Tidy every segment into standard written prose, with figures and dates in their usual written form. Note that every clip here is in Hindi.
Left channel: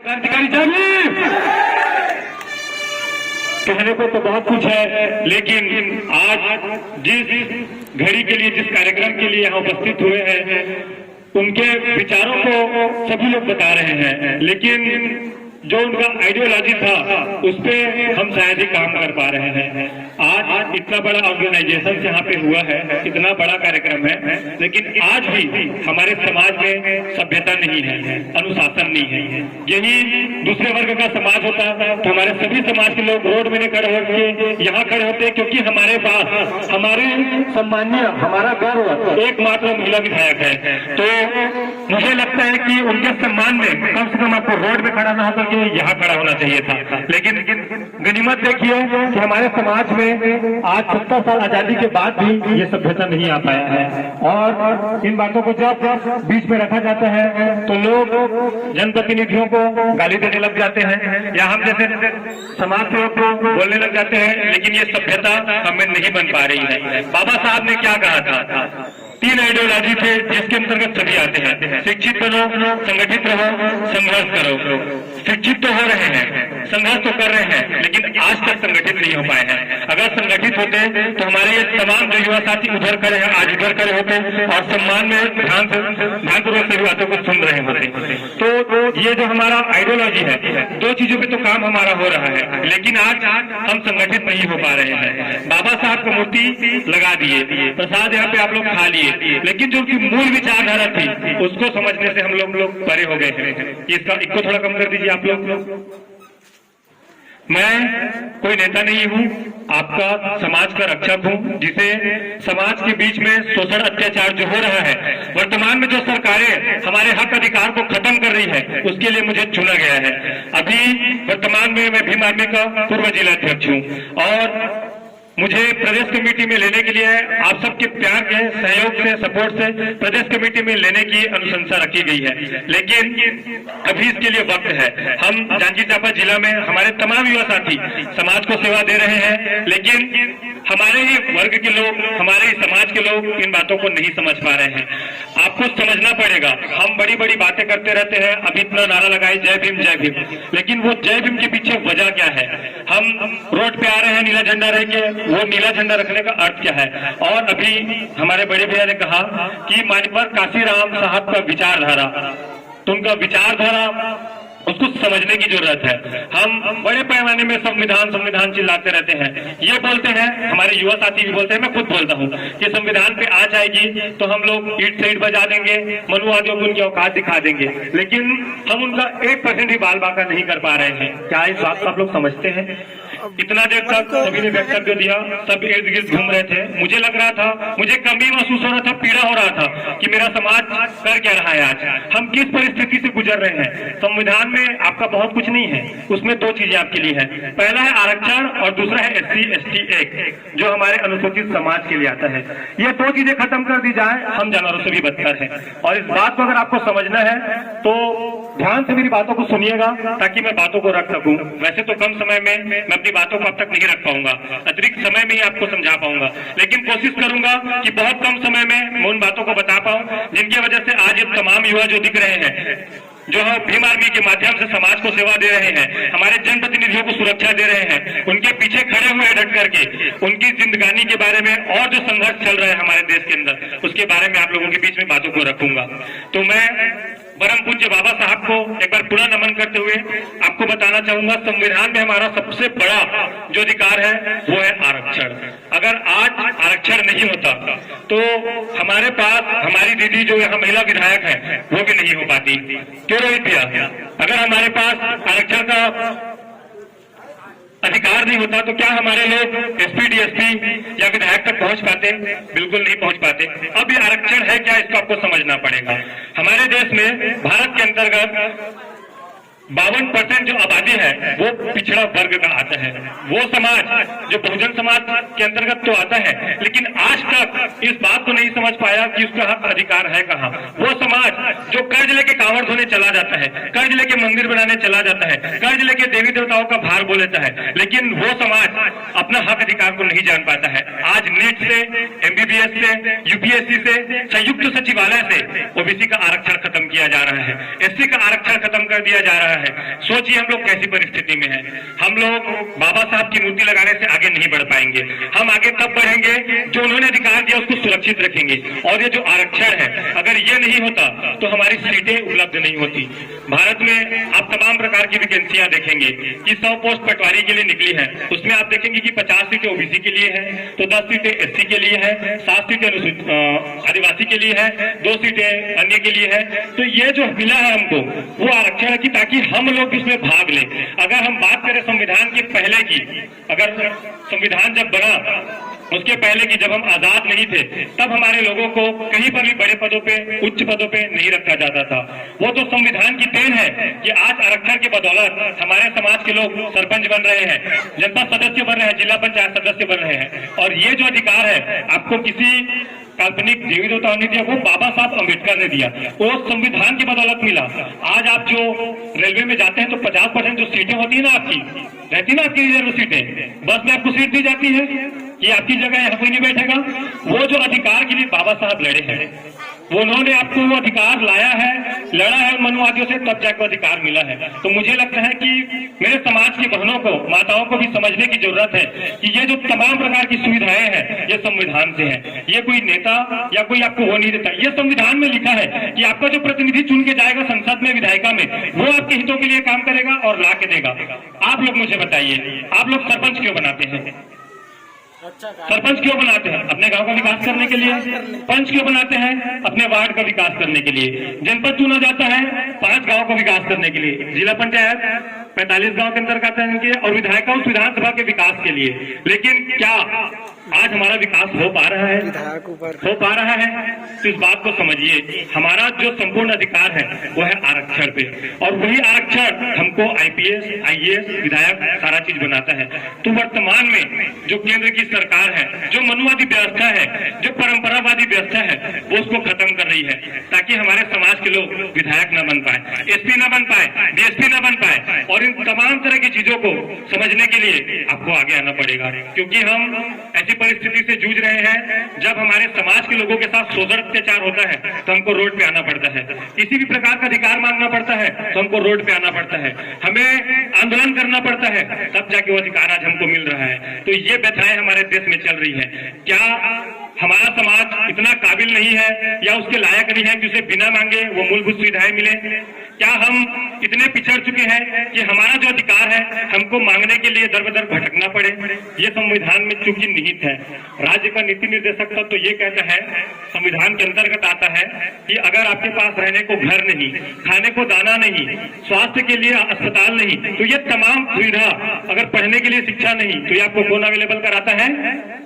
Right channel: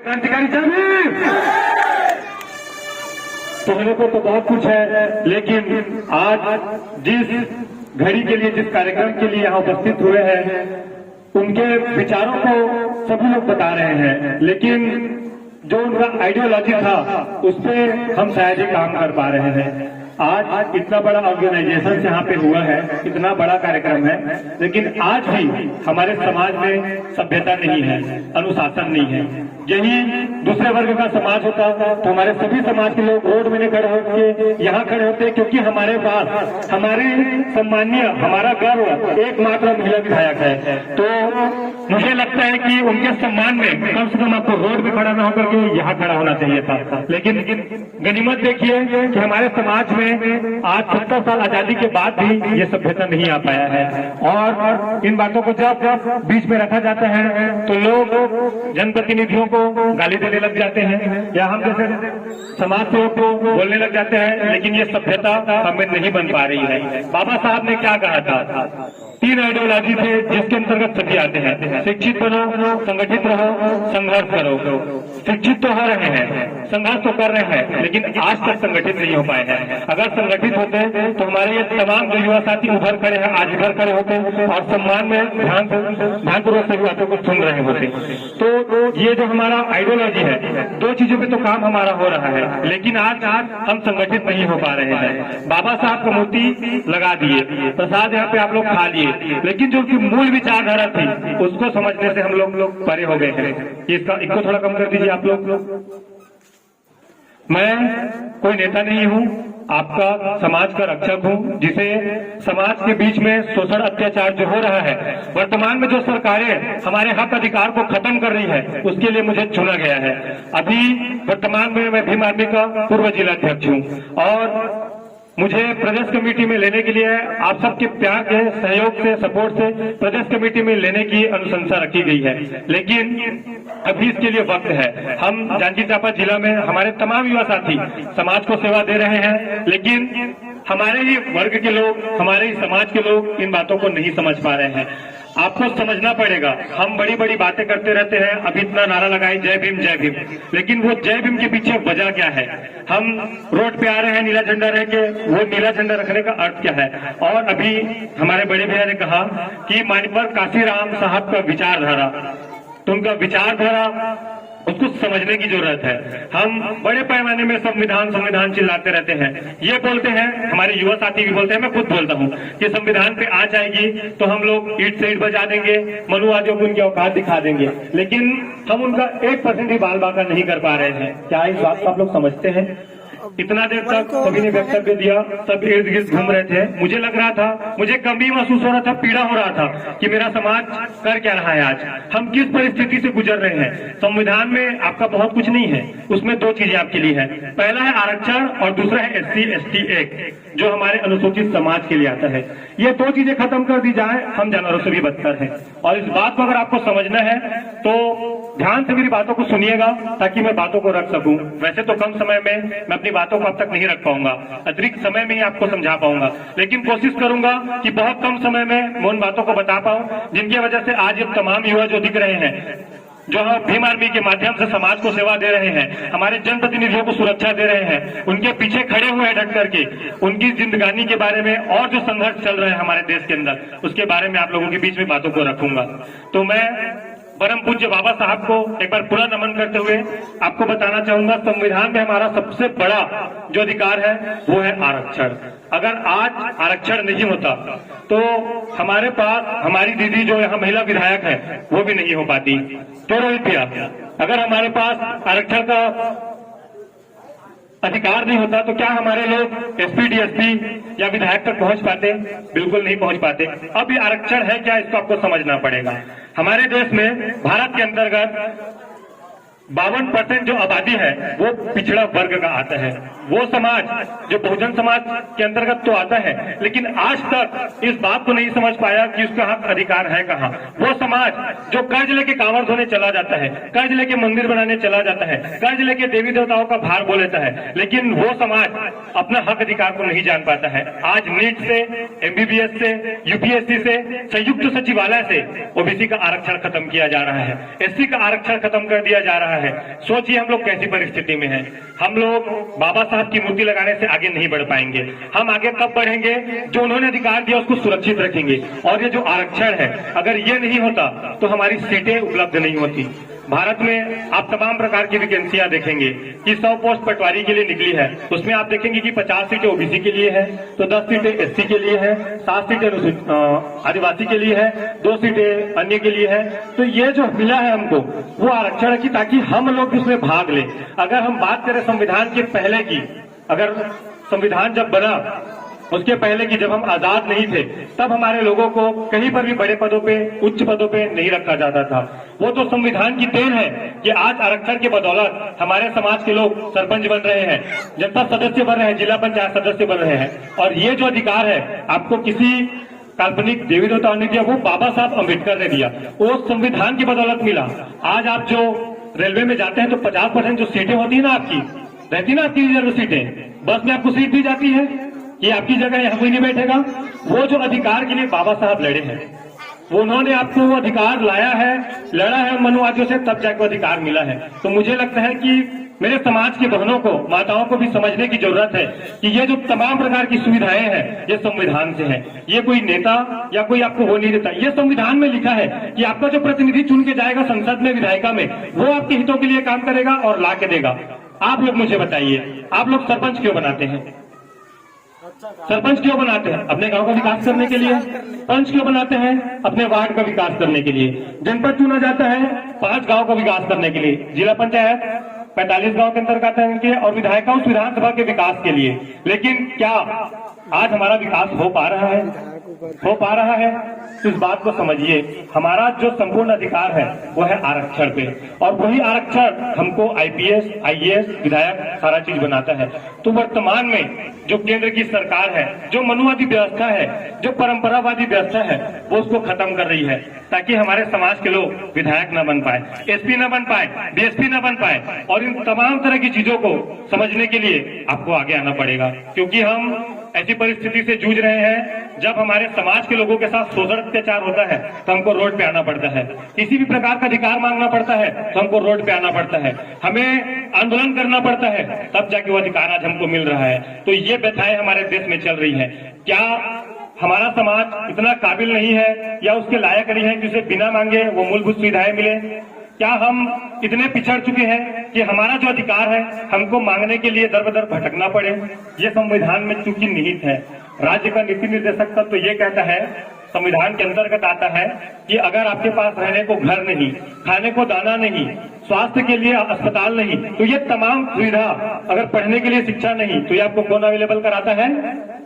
क्रांतिकारी जागृत। कहने को तो बहुत कुछ है, लेकिन आज जिस घड़ी के लिए, जिस कार्यक्रम के लिए यहाँ उपस्थित हुए हैं, उनके विचारों को सभी लोग बता रहे हैं, लेकिन जो उनका आइडियोलॉजी था उस पे हम शायद ही काम कर पा रहे हैं। आज इतना बड़ा ऑर्गेनाइजेशन यहाँ पे हुआ है, इतना बड़ा कार्यक्रम है, लेकिन आज भी हमारे समाज में सभ्यता नहीं है, अनुशासन नहीं है। यही दूसरे वर्ग का समाज होता तो हमारे सभी समाज के लोग रोड में नहीं खड़े होकर यहाँ खड़े होते, क्योंकि हमारे पास हमारी सम्मानीय, हमारा गर्व एकमात्र महिला विधायक है। तो मुझे लगता है कि उनके सम्मान में कम से कम आपको रोड में खड़ा ना होकर के यहाँ खड़ा होना चाहिए था। लेकिन गनीमत देखिए कि हमारे समाज में आज 70 साल आजादी के बाद भी ये सभ्यता नहीं आ पाया है, और इन बातों को जब बीच में रखा जाता है तो लोग जनप्रतिनिधियों को गाली देने लग जाते हैं, या हम जैसे समाज सेवक को बोलने लग जाते हैं, लेकिन ये सभ्यता हमें नहीं बन पा रही है। बाबा साहब ने क्या कहा था? 3 आइडियोलॉजी थे जिसके अंतर्गत सभी आते हैं। शिक्षित बनो, संगठित रहो, संघर्ष करो। शिक्षित तो हो रहे हैं, संघर्ष तो कर रहे हैं, लेकिन आज तक संगठित नहीं हो पाए हैं। अगर संगठित होते तो हमारे ये तमाम जो युवा साथी उधर खड़े हैं आज इधर खड़े होते और सम्मान में ध्यानपूर्वक सभी बातों को सुन रहे होते। तो ये जो हमारा आइडियोलॉजी है, 2 चीजों पे तो काम हमारा हो रहा है, लेकिन आज हम संगठित नहीं हो पा रहे हैं। बाबा साहब को मूर्ति लगा दिए, प्रसाद यहाँ पे आप लोग खा लिए, लेकिन जो उनकी मूल विचारधारा थी उसको समझने से हम लोग परे हो गए थे। इसको थोड़ा कम कर दीजिए आप लोग। मैं कोई नेता नहीं हूँ, आपका समाज का रक्षक हूँ, जिसे समाज के बीच में शोषण अत्याचार जो हो रहा है, वर्तमान में जो सरकारें हमारे हक अधिकार को खत्म कर रही है, उसके लिए मुझे चुना गया है। अभी वर्तमान में मैं भीम आर्मी का पूर्व जिला अध्यक्ष हूँ, और मुझे प्रदेश कमेटी में लेने के लिए आप सबके प्यार के सहयोग से, सपोर्ट से प्रदेश कमेटी में लेने की अनुशंसा रखी गई है, लेकिन अभी इसके लिए वक्त है। हम जांजगीर चांपा जिला में हमारे तमाम युवा साथी समाज को सेवा दे रहे हैं, लेकिन हमारे ही वर्ग के लोग, हमारे ही समाज के लोग इन बातों को नहीं समझ पा रहे हैं। आपको समझना पड़ेगा। हम बड़ी बड़ी बातें करते रहते हैं, अभी इतना नारा लगाए जय भीम, लेकिन वो जय भीम के पीछे वजह क्या है? हम रोड पे आ रहे हैं नीला झंडा रख के, वो नीला झंडा रखने का अर्थ क्या है? और अभी हमारे बड़े भैया ने कहा कि मान्यवर काशीराम साहब का विचारधारा, तो उनका विचारधारा उसको समझने की जरूरत है। हम बड़े पैमाने में संविधान चिल्लाते रहते हैं, ये बोलते हैं, हमारे युवा साथी भी बोलते हैं, मैं खुद बोलता हूँ कि संविधान पे आ जाएगी तो हम लोग ईट से ईट बजा देंगे, मनुवादियों को उनकी औकात दिखा देंगे, लेकिन हम उनका 1% भी बाल बांका नहीं कर पा रहे हैं। क्या इस बात को आप लोग समझते हैं? इतना देर तक सभी ने वक्तव्य दिया, सब इर्द गिर्द घूम रहे थे। मुझे लग रहा था, मुझे कमी महसूस हो रहा था, पीड़ा हो रहा था कि मेरा समाज कर क्या रहा है, आज हम किस परिस्थिति से गुजर रहे हैं। संविधान में आपका बहुत कुछ नहीं है, उसमें 2 चीजें आपके लिए है। पहला है आरक्षण और दूसरा है SC/ST एक्ट, जो हमारे अनुसूचित समाज के लिए आता है। ये 2 चीजें खत्म कर दी जाए, हम जानवरों से भी बदतर हैं। और इस बात को अगर आपको समझना है तो ध्यान से मेरी बातों को सुनिएगा, ताकि मैं बातों को रख सकूं। वैसे तो कम समय में मैं अपनी बातों को अब तक नहीं रख पाऊंगा, अतिरिक्त समय में ही आपको समझा पाऊंगा, लेकिन कोशिश करूंगा कि बहुत कम समय में मैं उन बातों को बता पाऊं जिनकी वजह से आज ये तमाम युवा जो दिख रहे हैं, जो हम भीम आर्मी के माध्यम से समाज को सेवा दे रहे हैं, हमारे जनप्रतिनिधियों को सुरक्षा दे रहे हैं, उनके पीछे खड़े हुए हैं डट करके, उनकी जिंदगानी के बारे में और जो संघर्ष चल रहा है हमारे देश के अंदर, उसके बारे में आप लोगों के बीच में बातों को रखूंगा। तो मैं परम पूज्य बाबा साहब को एक बार पूरा नमन करते हुए आपको बताना चाहूंगा, संविधान में हमारा सबसे बड़ा जो अधिकार है वो है आरक्षण। अगर आज आरक्षण नहीं होता तो हमारे पास हमारी दीदी जो यहाँ महिला विधायक है वो भी नहीं हो पाती। क्यों रोहित भैया? अगर हमारे पास आरक्षण का अधिकार नहीं होता तो क्या हमारे लोग SP DSP या विधायक तक पहुंच पाते? बिल्कुल नहीं पहुंच पाते। अब ये आरक्षण है क्या, इसको आपको समझना पड़ेगा। हमारे देश में भारत के अंतर्गत 52% जो आबादी है वो पिछड़ा वर्ग का आता है। वो समाज जो बहुजन समाज के अंतर्गत तो आता है, लेकिन आज तक इस बात को नहीं समझ पाया कि उसका हक अधिकार है कहाँ। वो समाज जो कर्ज लेके कांवड़ धोने चला जाता है, कर्ज लेके मंदिर बनाने चला जाता है, कर्ज लेके देवी देवताओं का भार बोल लेता है, लेकिन वो समाज अपना हक अधिकार को नहीं जान पाता है। आज नीट से, MBBS से, UPSC से, संयुक्त सचिवालय से OBC का आरक्षण खत्म किया जा रहा है, SC का आरक्षण खत्म कर दिया जा रहा है। है। सोचिए हम लोग कैसी परिस्थिति में हैं। हम लोग बाबा साहब की मूर्ति लगाने से आगे नहीं बढ़ पाएंगे। हम आगे तब बढ़ेंगे जो उन्होंने अधिकार दिया उसको सुरक्षित रखेंगे। और ये जो आरक्षण है, अगर ये नहीं होता तो हमारी सीटें उपलब्ध नहीं होती। भारत में आप तमाम प्रकार की वैकेंसियां देखेंगे कि 100 पोस्ट पटवारी के लिए निकली है, उसमें आप देखेंगे कि 50 सीटें ओबीसी के लिए है, तो 10 सीटें एससी के लिए है, 7 सीटें आदिवासी के लिए है, 2 सीटें अन्य के लिए है। तो ये जो मिला है हमको वो आरक्षण है कि ताकि हम लोग इसमें भाग लें। अगर हम बात करें संविधान के पहले की, अगर संविधान जब बना उसके पहले की, जब हम आजाद नहीं थे, तब हमारे लोगों को कहीं पर भी बड़े पदों पे, उच्च पदों पे नहीं रखा जाता था। वो तो संविधान की देन है कि आज आरक्षण के बदौलत हमारे समाज के लोग सरपंच बन रहे हैं, जनपद सदस्य बन रहे हैं, जिला पंचायत सदस्य बन रहे हैं। और ये जो अधिकार है आपको किसी काल्पनिक देवी देवताओं ने दिया, वो बाबा साहब अम्बेडकर ने दिया, वो संविधान की बदौलत मिला। आज आप जो रेलवे में जाते हैं तो 50% जो सीटें होती है ना आपकी, रहती ना आपकी रिजर्व सीटें, बस में आपको सीट दी जाती है कि आपकी जगह यहाँ कोई नहीं बैठेगा। वो जो अधिकार के लिए बाबा साहब लड़े हैं, वो उन्होंने आपको वो अधिकार लाया है, लड़ा है मनुवादियों से, तब जाकर अधिकार मिला है। तो मुझे लगता है कि मेरे समाज की बहनों को, माताओं को भी समझने की जरूरत है कि ये जो तमाम प्रकार की सुविधाएं हैं ये संविधान से है। ये कोई नेता या कोई आपको वो नहीं देता, ये संविधान में लिखा है कि आपका जो प्रतिनिधि चुन के जाएगा संसद में, विधायिका में, वो आपके हितों के लिए काम करेगा और ला के देगा। आप लोग मुझे बताइए, आप लोग सरपंच क्यों बनाते हैं? सरपंच क्यों बनाते हैं? अपने गांव का विकास करने के लिए। पंच क्यों बनाते हैं? अपने वार्ड का विकास करने के लिए। जनपद चुना जाता है 5 गांव का विकास करने के लिए। जिला पंचायत 45 गांव के अंतर्गत है इनके, और विधायिका उस विधानसभा के विकास के लिए। लेकिन क्या आज हमारा विकास हो पा रहा है? हो पा रहा है? तो इस बात को समझिए, हमारा जो संपूर्ण अधिकार है वो है आरक्षण पे, और वही आरक्षण हमको आईपीएस, आईएएस, विधायक सारा चीज बनाता है। तो वर्तमान में जो केंद्र की सरकार है, जो मनुवादी व्यवस्था है, जो परंपरावादी व्यवस्था है, वो उसको खत्म कर रही है, ताकि हमारे समाज के लोग विधायक न बन पाए, एसपी न बन पाए, डीएसपी न बन पाए। और इन तमाम तरह की चीजों को समझने के लिए आपको आगे आना पड़ेगा, क्योंकि हम ऐसी परिस्थिति से जूझ रहे हैं जब हमारे समाज के लोगों के साथ शोषण अत्याचार होता है तो हमको रोड पे आना पड़ता है। किसी भी प्रकार का अधिकार मांगना पड़ता है तो हमको रोड पे आना पड़ता है, हमें आंदोलन करना पड़ता है, तब जाके वो अधिकार आज हमको मिल रहा है। तो ये व्यथाएं हमारे देश में चल रही है। क्या हमारा समाज इतना काबिल नहीं है या उसके लायक नहीं है कि उसे बिना मांगे वो मूलभूत सुविधाएं मिले? क्या हम इतने पिछड़ चुके हैं कि हमारा जो अधिकार है हमको मांगने के लिए दर बदर भटकना पड़े? ये संविधान में चूंकि निहित है। राज्य का नीति निर्देशक तत्व तो ये कहता है, संविधान के अंतर्गत आता है कि अगर आपके पास रहने को घर नहीं, खाने को दाना नहीं, स्वास्थ्य के लिए अस्पताल नहीं, तो ये तमाम सुविधा, अगर पढ़ने के लिए शिक्षा नहीं, तो ये आपको कौन अवेलेबल कराता है?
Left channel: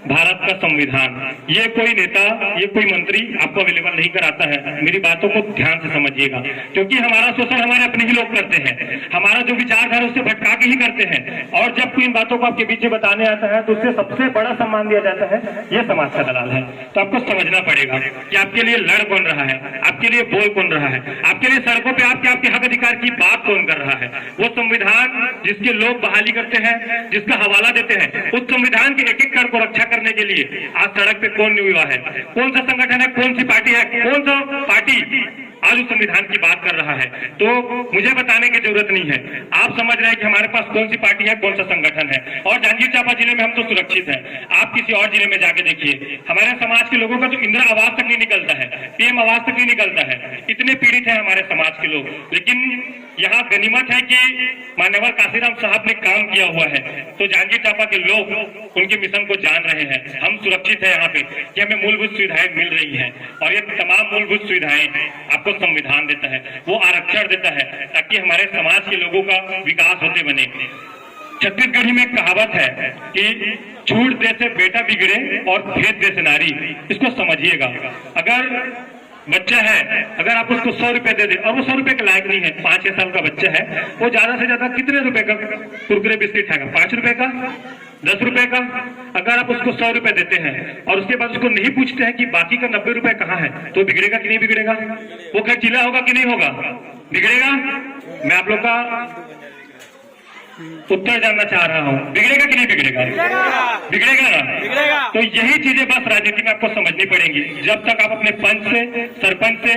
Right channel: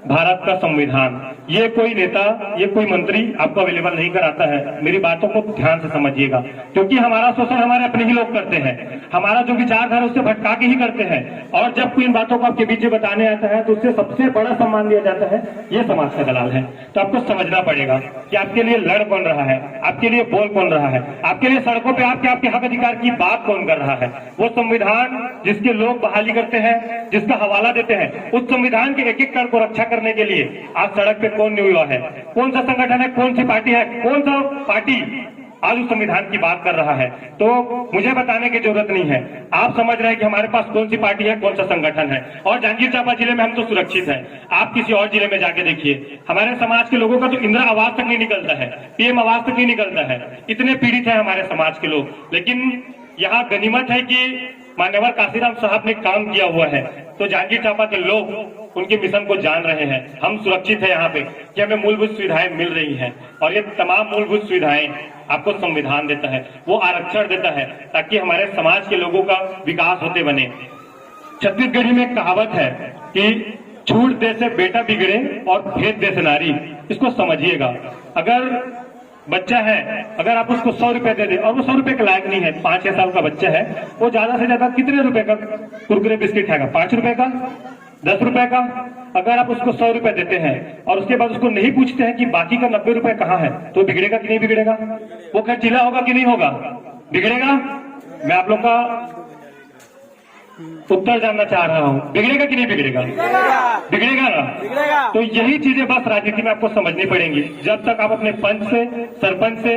भारत का संविधान। ये कोई नेता, ये कोई मंत्री आपको अवेलेबल नहीं कराता है। मेरी बातों को ध्यान से समझिएगा, क्योंकि हमारा शोषण हमारे अपने ही लोग करते हैं, हमारा जो विचारधारा उससे भटका के ही करते हैं। और जब कोई इन बातों को आपके बीच में बताने आता है तो उससे सबसे बड़ा सम्मान दिया जाता है, ये समाज का दलाल है। तो आपको समझना पड़ेगा कि आपके लिए लड़ कौन रहा है, आपके लिए बोल कौन रहा है, आपके लिए सड़कों पे आपके हक अधिकार की बात कौन कर रहा है। वो संविधान जिसके लोग बहाली करते हैं, जिसका हवाला देते हैं, उस संविधान के एक एक कण को रक्षा करने के लिए आज सड़क पे कौन नहीं हुआ है? कौन सा संगठन है, कौन सी पार्टी है, कौन सा पार्टी आज उस संविधान की बात कर रहा है? तो मुझे बताने की जरूरत नहीं है, आप समझ रहे हैं कि हमारे पास कौन सी पार्टी है, कौन सा संगठन है। और जांजगीर चांपा जिले में हम तो सुरक्षित हैं। आप किसी और जिले में जाके देखिए, हमारे समाज के लोगों का तो इंदिरा आवास तक नहीं निकलता है, पीएम आवास तक नहीं निकलता है। इतने पीड़ित है हमारे समाज के लोग। लेकिन यहाँ गनीमत है कि मान्यवर काशीराम साहब ने काम किया हुआ है, तो जांजगीर चांपा के लोग उनके मिशन को जान रहे हैं। हम सुरक्षित है यहाँ पे कि हमें मूलभूत सुविधाएं मिल रही हैं, और ये तमाम मूलभूत सुविधाएं आपको संविधान देता है, वो आरक्षण देता है, ताकि हमारे समाज के लोगों का विकास होते बने। छत्तीसगढ़ी में कहावत है कि छूट दे से बेटा बिगड़े और भेद दे से नारी। इसको समझिएगा। अगर बच्चा है, अगर आप उसको 100 रुपए दे दे और वो 100 रुपए के लायक नहीं है, 5-6 साल का बच्चा है, वो ज्यादा से ज्यादा कितने रुपए का कुरकुरे बिस्किट खाएगा? 5 रुपए का, 10 रुपए का। अगर आप उसको 100 रुपए देते हैं और उसके बाद उसको नहीं पूछते हैं कि बाकी का 90 रुपए कहाँ है, तो बिगड़ेगा कि नहीं बिगड़ेगा? वो खर्चीला होगा कि नहीं होगा? बिगड़ेगा। मैं आप लोग का उत्तर जानना चाह रहा हूँ, बिगड़ेगा कि नहीं बिगड़ेगा? बिगड़ेगा ना। तो यही चीजें बस राजनीति में आपको समझनी पड़ेंगी। जब तक आप अपने पंच से, सरपंच से,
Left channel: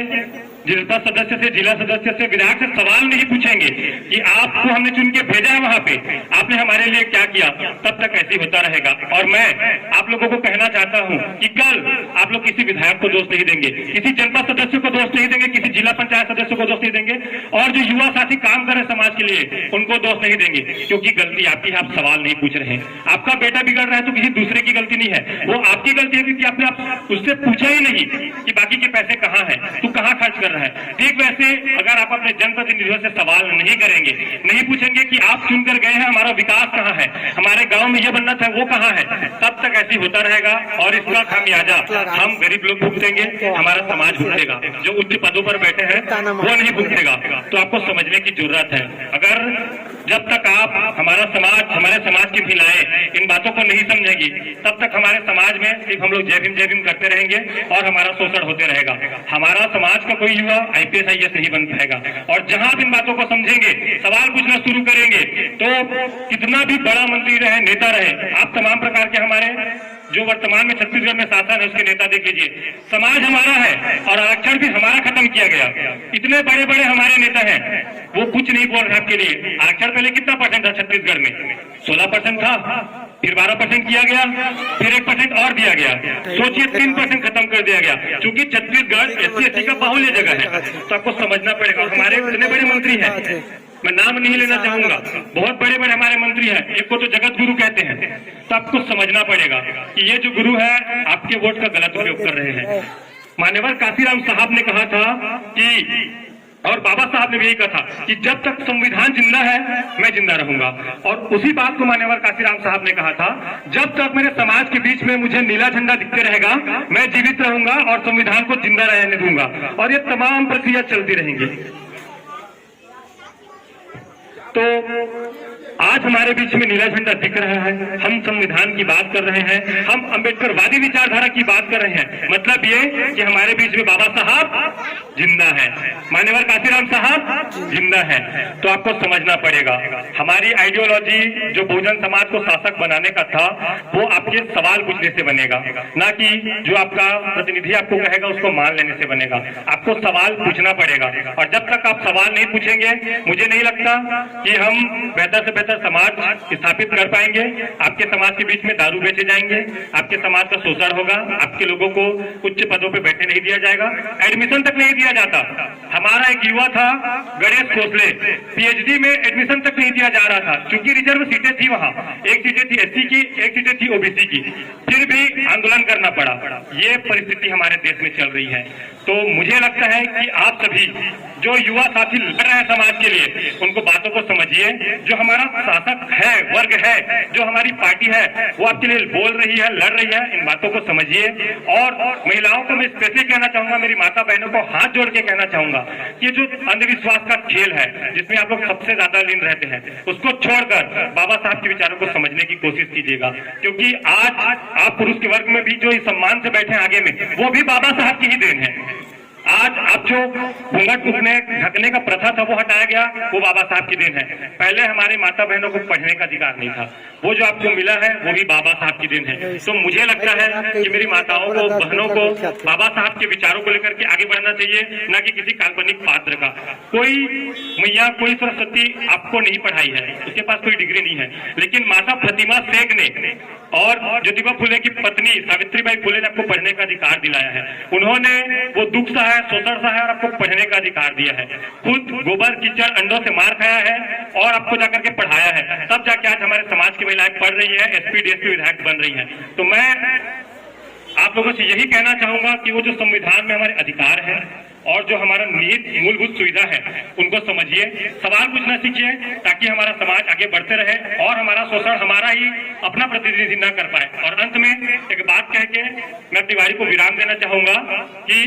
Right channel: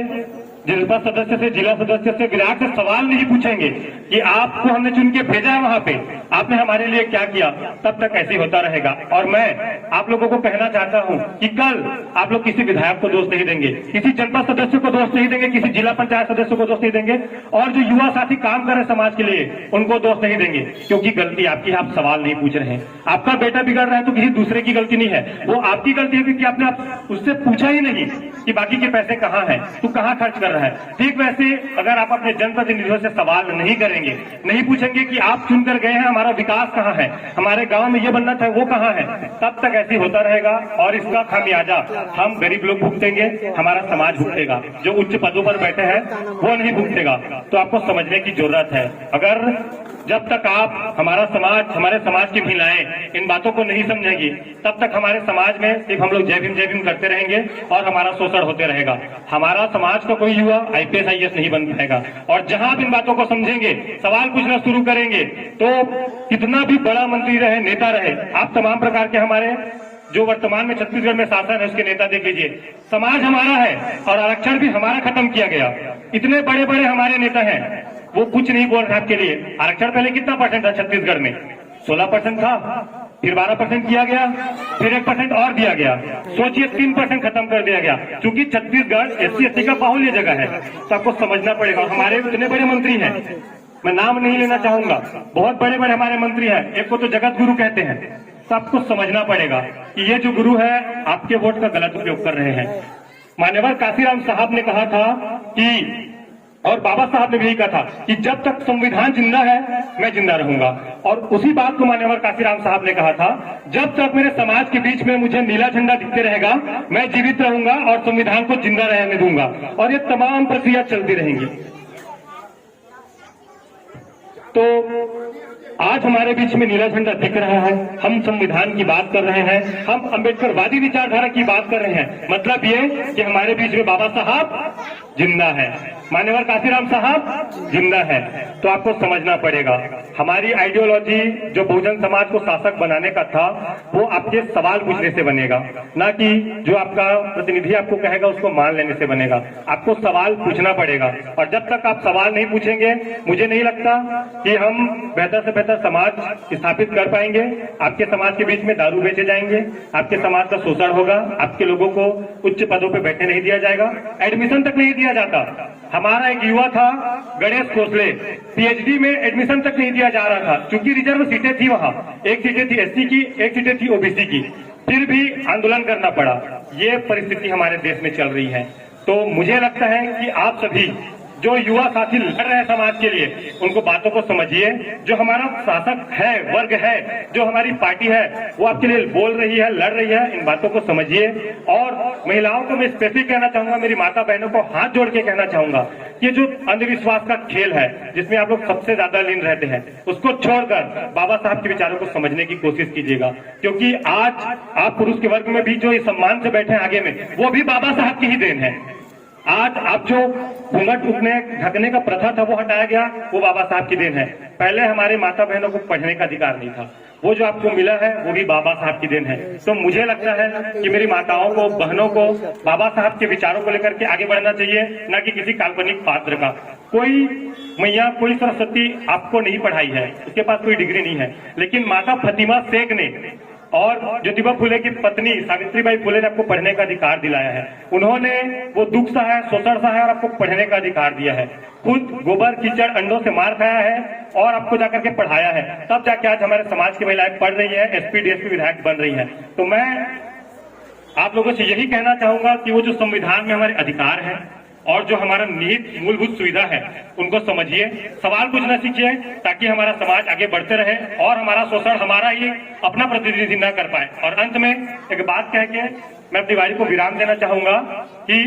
जनता सदस्य से, जिला सदस्य से, विधायक से सवाल नहीं पूछेंगे कि आपको हमने चुन के भेजा है वहां पे, आपने हमारे लिए क्या किया, तब तक ऐसे होता रहेगा। और मैं आप लोगों को कहना चाहता हूं कि कल आप लोग किसी विधायक को दोष नहीं देंगे, किसी जनता सदस्य को दोष नहीं देंगे, किसी जिला पंचायत सदस्य को दोष नहीं देंगे, और जो युवा साथी काम कर रहे समाज के लिए उनको दोष नहीं देंगे, क्योंकि गलती आपकी है, आप सवाल नहीं पूछ रहे हैं। आपका बेटा बिगड़ रहा है तो किसी दूसरे की गलती नहीं है, वो आपकी गलती है क्योंकि आपने उससे पूछा ही नहीं कि बाकी के पैसे कहाँ हैं, तू कहाँ खर्च कर रहा है। ठीक वैसे अगर आप अपने जनप्रतिनिधियों से सवाल नहीं करेंगे, नहीं पूछेंगे कि आप चुनकर गए हैं, हमारा विकास कहाँ है, हमारे गांव में ये बनना था वो कहाँ है, तब तक ऐसे होता रहेगा। और इसका खामियाजा हम गरीब लोग भुगतेंगे, हमारा समाज भुगतेगा, जो उच्च पदों पर बैठे हैं वो नहीं भुगतेगा। तो आपको समझने की जरूरत है। अगर जब तक आप हमारे समाज की महिलाएं इन बातों को नहीं समझेगी, तब तक हमारे समाज में सिर्फ हम लोग जय भीम करते रहेंगे और हमारा शोषण होते रहेगा। हमारा समाज का कोई युवा IPS IAS नहीं बन पाएगा। और जहां आप इन बातों को समझेंगे, सवाल पूछना शुरू करेंगे, तो कितना भी बड़ा मंत्री रहे, नेता रहे, आप तमाम प्रकार के हमारे जो वर्तमान में छत्तीसगढ़ में शासन है उसके नेता देख लीजिए, समाज हमारा है और आरक्षण भी हमारा खत्म किया गया। इतने बड़े बड़े हमारे नेता हैं, वो कुछ नहीं बोल रहे आपके लिए। आरक्षण पहले कितना परसेंट था छत्तीसगढ़ में? 16% था, फिर 12% किया गया, फिर 1% और दिया गया, सोचिए 3% खत्म कर दिया गया। क्योंकि छत्तीसगढ़ SC ST का बाहुल्य जगह है, तो आपको समझना पड़ेगा। हमारे इतने बड़े मंत्री हैं, मैं नाम नहीं लेना चाहूंगा, बहुत बड़े बड़े हमारे मंत्री हैं, एक को तो जगत गुरु कहते हैं। तो आपको समझना पड़ेगा कि ये जो गुरु है आपके वोट का गलत उपयोग कर रहे हैं। मान्यवर काशीराम साहब ने कहा था कि, और बाबा साहब ने भी कहा था कि जब तक संविधान जिंदा है मैं जिंदा रहूंगा। और उसी बात को मान्यवर काशीराम साहब ने कहा था, जब तक मेरे समाज के बीच में मुझे नीला झंडा दिखते रहेगा मैं जीवित रहूंगा और संविधान को जिंदा रहने दूंगा। और ये तमाम प्रक्रिया चलती रहेंगी। तो आज हमारे बीच में नीला झंडा दिख रहा है, हम संविधान की बात कर रहे हैं, हम अंबेडकरवादी विचारधारा की बात कर रहे हैं। मतलब ये कि हमारे बीच में बाबा साहब जिंदा है, मान्यवर काशीराम साहब जिंदा है। तो आपको समझना पड़ेगा, हमारी आइडियोलॉजी जो बहुजन समाज को शासक बनाने का था, वो आपके सवाल पूछने से बनेगा, ना कि जो आपका प्रतिनिधि आपको कहेगा उसको मान लेने से बनेगा। आपको सवाल पूछना पड़ेगा। और जब तक आप सवाल नहीं पूछेंगे, मुझे नहीं लगता कि हम बेहतर से बेहतर समाज स्थापित कर पाएंगे। आपके समाज के बीच में दारू बेचे जाएंगे, आपके समाज का शोषण होगा, आपके लोगों को उच्च पदों पर बैठने नहीं दिया जाएगा, एडमिशन तक नहीं दिया जाता। हमारा एक युवा था गणेश खोसले, PhD में एडमिशन तक नहीं दिया जा रहा था, क्योंकि रिजर्व सीटें थी वहां, एक सीटें थी SC की, एक सीटें थी OBC की, फिर भी आंदोलन करना पड़ा। ये परिस्थिति हमारे देश में चल रही है। तो मुझे लगता है कि आप सभी जो युवा साथी लड़ रहे हैं समाज के लिए, उनको बातों को समझिए। जो हमारा शासक है, वर्ग है, जो हमारी पार्टी है, वो आपके लिए बोल रही है, लड़ रही है, इन बातों को समझिए। और महिलाओं को मैं स्पेशली कहना चाहूंगा, मेरी माता बहनों को हाथ जोड़ के कहना चाहूंगा कि जो अंधविश्वास का खेल है, जिसमें आप लोग सबसे ज्यादा लीन रहते हैं, उसको छोड़कर बाबा साहब के विचारों को समझने की कोशिश कीजिएगा। क्योंकि आज आप पुरुष के वर्ग में भी जो इस सम्मान से बैठे हैं आगे में, वो भी बाबा साहब की ही देन है। आज आप जो घूंघट ढकने का प्रथा था वो हटाया गया, वो बाबा साहब की देन है। पहले हमारे माता बहनों को पढ़ने का अधिकार नहीं था, वो जो आपको मिला है वो भी बाबा साहब की देन है। तो मुझे लगता है कि मेरी माताओं को, बहनों को बाबा साहब के विचारों को लेकर के आगे बढ़ना चाहिए, ना कि किसी काल्पनिक पात्र का। कोई मैया, कोई सरस्वती आपको नहीं पढ़ाई है, उसके पास कोई डिग्री नहीं है, लेकिन माता प्रतिमा शेख ने और ज्योतिबा फुले की पत्नी सावित्रीबाई फुले ने आपको पढ़ने का अधिकार दिलाया है। उन्होंने वो दुख सा है, शोषण सा है, और आपको पढ़ने का अधिकार दिया है। खुद गोबर कीचड़ अंडों से मार खाया है और आपको जाकर के पढ़ाया है, तब जाके आज हमारे समाज की महिलाएं पढ़ रही है, SP DSP विधायक बन रही है। तो मैं आप लोगों से यही कहना चाहूंगा कि वो जो संविधान में हमारे अधिकार है और जो हमारा निहित मूलभूत सुविधा है, उनको समझिए, सवाल पूछना सीखिए, ताकि हमारा समाज आगे बढ़ते रहे और हमारा शोषण हमारा ही अपना प्रतिनिधि न कर पाए। और अंत में एक बात कह के मैं अपनी वाणी को विराम देना चाहूंगा कि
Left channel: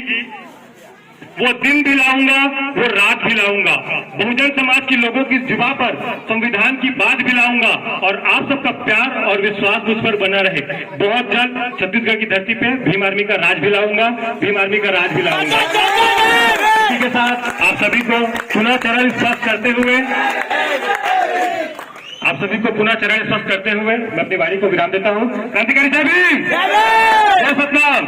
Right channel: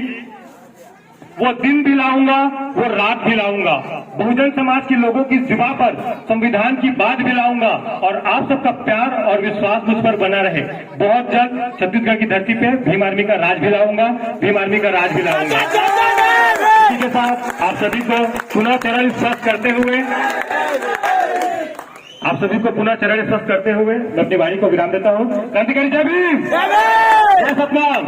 वो दिन भी लाऊंगा, वो रात भी लाऊंगा, बहुजन समाज के लोगों की जुबान पर संविधान की बात भी लाऊंगा, और आप सबका प्यार और विश्वास मुझ पर बना रहे। बहुत जल्द छत्तीसगढ़ की धरती पे भीम आर्मी का राज भी लाऊंगा, भीम आर्मी का राज भी लाऊंगा। इसी के साथ आप सभी को पुनः चरण स्पर्श करते हुए मैं अपनी वाणी को विराम देता हूँ। क्रांतिकारी जय भीम, जय सतनाम।